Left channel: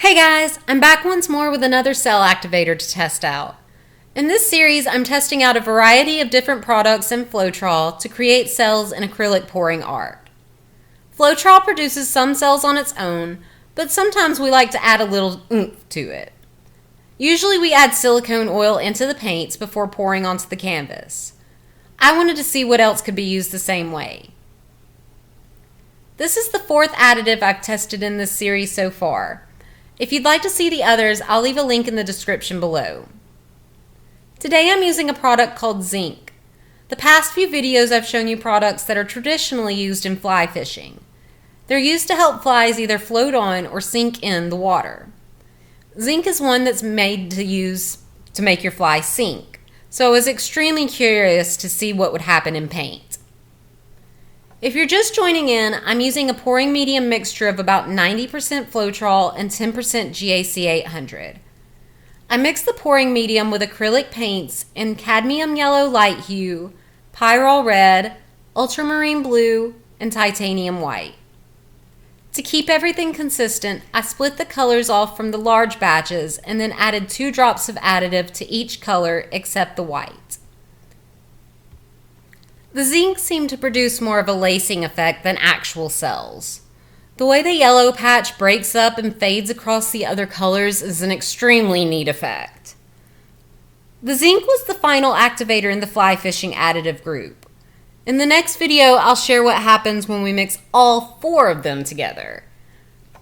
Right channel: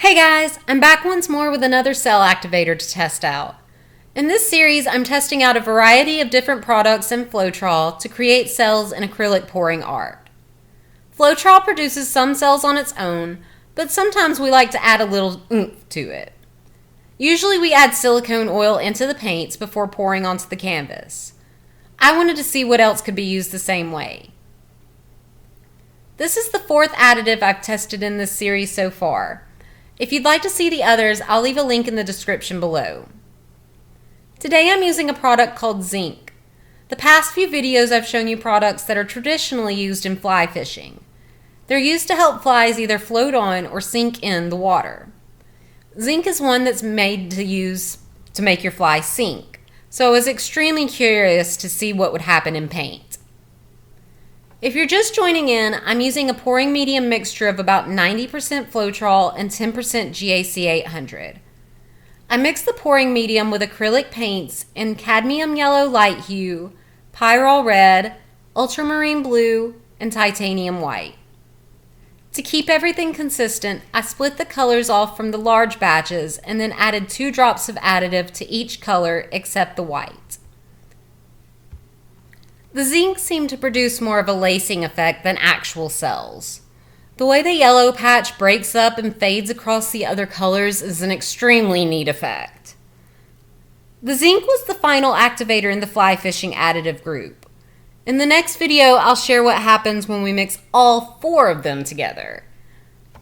Hey guys, I'm back once more with another cell activator to test out. In this series, I'm testing out a variety of different products in Floetrol to create cells in acrylic pouring art. Floetrol produces some cells on its own, but sometimes we like to add a little oomph to it. Usually we add silicone oil into the paints before pouring onto the canvas. I wanted to see what else could be used the same way. This is the fourth additive I've tested in this series so far. If you'd like to see the others, I'll leave a link in the description below. Today I'm using a product called Xink. The past few videos I've shown you products that are traditionally used in fly fishing. They're used to help flies either float on or sink in the water. Xink is one that's made to use to make your fly sink, so I was extremely curious to see what would happen in paint. If you're just joining in, I'm using a pouring medium mixture of about 90% Floetrol and 10% GAC 800. I mix the pouring medium with acrylic paints in cadmium yellow light hue, pyrrole red, ultramarine blue, and titanium white. To keep everything consistent, I split the colors off from the large batches and then added 2 drops of additive to each color except the white. The Xink seemed to produce more of a lacing effect than actual cells. The way the yellow patch breaks up and fades across the other colors is an extremely neat effect. The Xink was the final activator in the fly fishing additive group. In the next video, I'll share what happens when we mix all 4 of them together.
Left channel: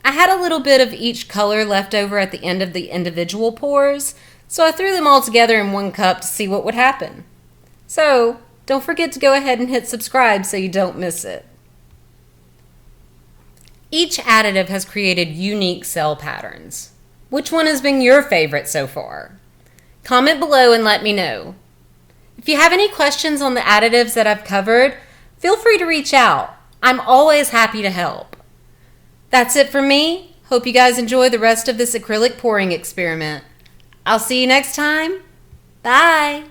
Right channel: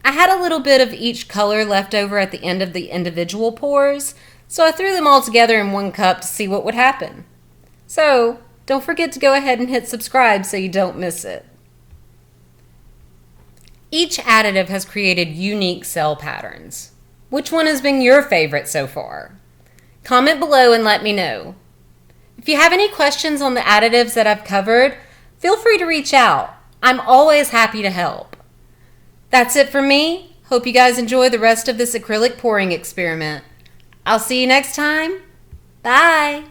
I had a little bit of each color left over at the end of the individual pours, so I threw them all together in one cup to see what would happen. So, don't forget to go ahead and hit subscribe so you don't miss it. Each additive has created unique cell patterns. Which one has been your favorite so far? Comment below and let me know. If you have any questions on the additives that I've covered, feel free to reach out. I'm always happy to help. That's it for me. Hope you guys enjoy the rest of this acrylic pouring experiment. I'll see you next time. Bye.